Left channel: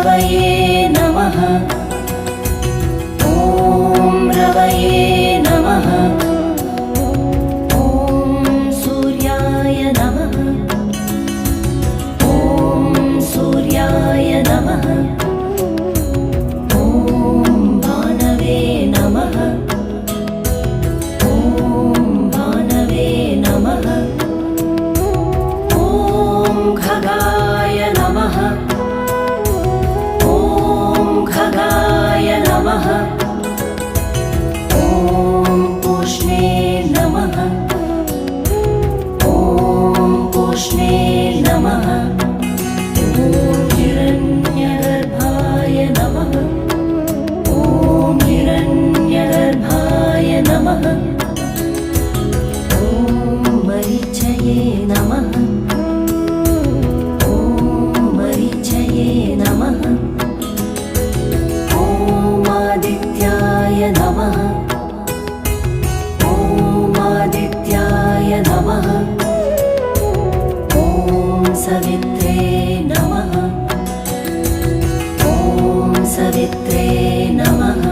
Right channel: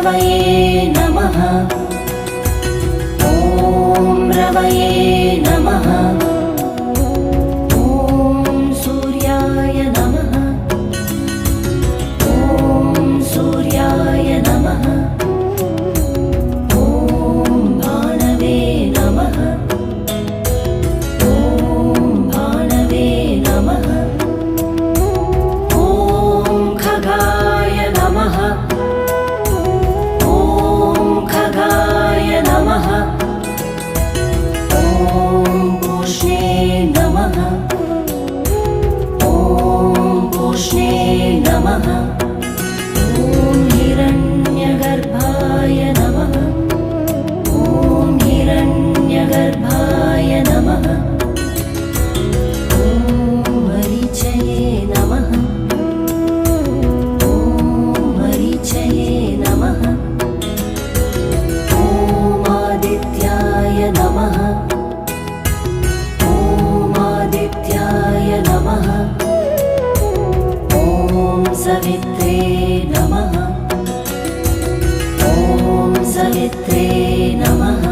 रवये नमः। ॐ रवये नमः। ॐ सूर्याय नमः। ॐ सूर्याय नमः। ॐ भानवे नमः। ॐ भानवे नमः। ॐ खगाय नमः। ॐ खगाय नमः। ॐ पूष्णे नमः। ॐ पूष्णे नमः। ॐ हिरण्यगर्भाय नमः। ॐ हिरण्यगर्भाय नमः। ॐ मरीचये नमः। ॐ मरीचये नमः। ॐ आदित्याय नमः। ॐ आदित्याय नमः। ॐ सवित्रे नमः। ॐ सवित्रे नमः।